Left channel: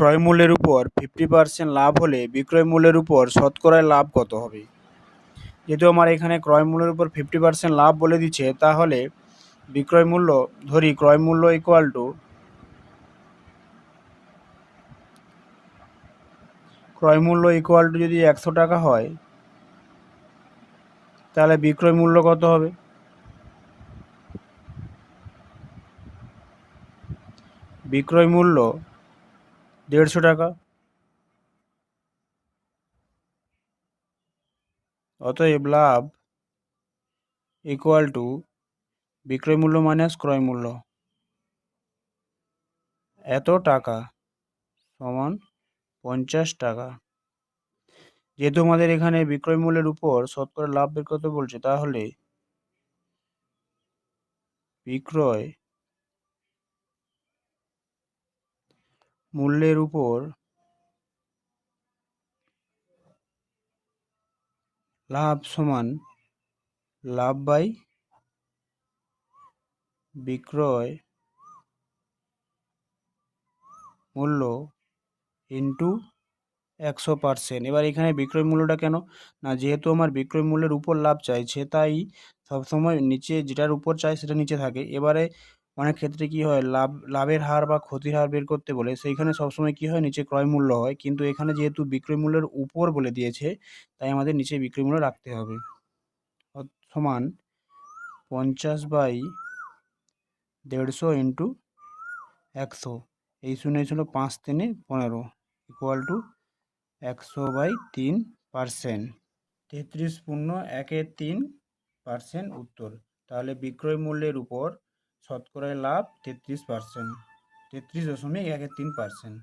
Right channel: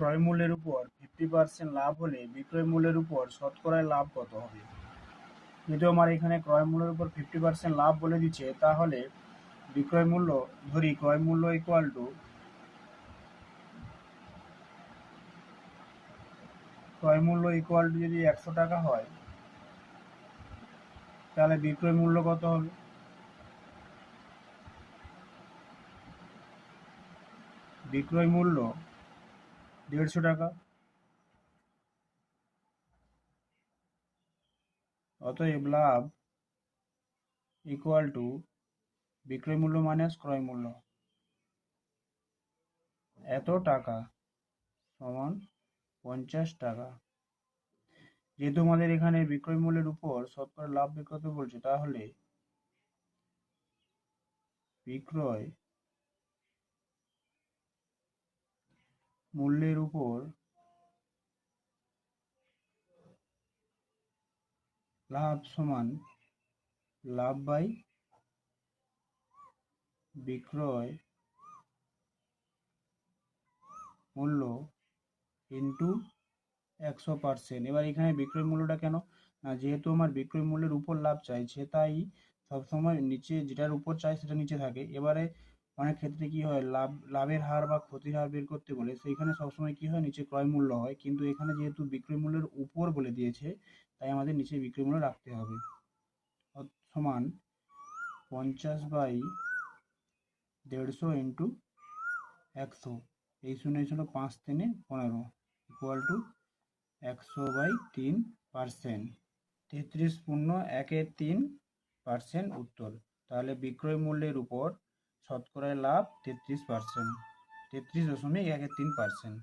ক্রয় মূল্যের উপর 50% লাভ হলে বিক্রয় মূল্যের উপর শতকরা লাভ কত হবে? যেহেতু আমার এখানে ক্রয় মূল্যের উপর 50% লাভ বলে দিচ্ছে, তাহলে বিক্রয় মূল্য ধরি ক্রয় মূল্য ইকুয়াল টু যদি 100 টাকা হয়, তাহলে বিক্রয় মূল্য কত হবে? বিক্রয় মূল্য 150 টাকা। অতএব লাভ ইকুয়াল টু বিক্রয় মূল্য মাইনাস ক্রয় মূল্য, এত টাকা সমান 50 টাকা। যেহেতু আমাদের এখানে বিক্রয় মূল্যের উপর শতকরা লাভ বের করতে বলছে, তাহলে বিক্রয় মূল্যের উপর লাভ সমান লাভ বাই বিক্রয় মূল্য ইন্টু 100%। এবার এখানে বিক্রয় মূল্যটা কেন না, যেহেতু আমার বিক্রয় মূল্যের উপর লাভ চাইছে, তাই সবসময় নিচে যেটার উপর চাই সেটা নিচে থাকে। এবারে অনেক ক্ষেত্রে কি হয়, লাভের হার বা ক্ষতির হার বের করতে বলে সেইখানে সবসময় কি হয়, নিচে ক্রয় মূল্য হয়, কিন্তু এখানে যেহেতু বিক্রয় মূল্যের উপর বলে দিয়েছে, তাই আমাদের নিচে বিক্রয় মূল্য রাখতে হবে। সমান 50/150 ইন্টু 100, এই শূন্য 5 3 15 ইকুয়াল টু 100/3%। 33.13% উত্তর। তাহলে বিক্রয় মূল্যের উপর শতকরা লাভ 33%, 33.13%।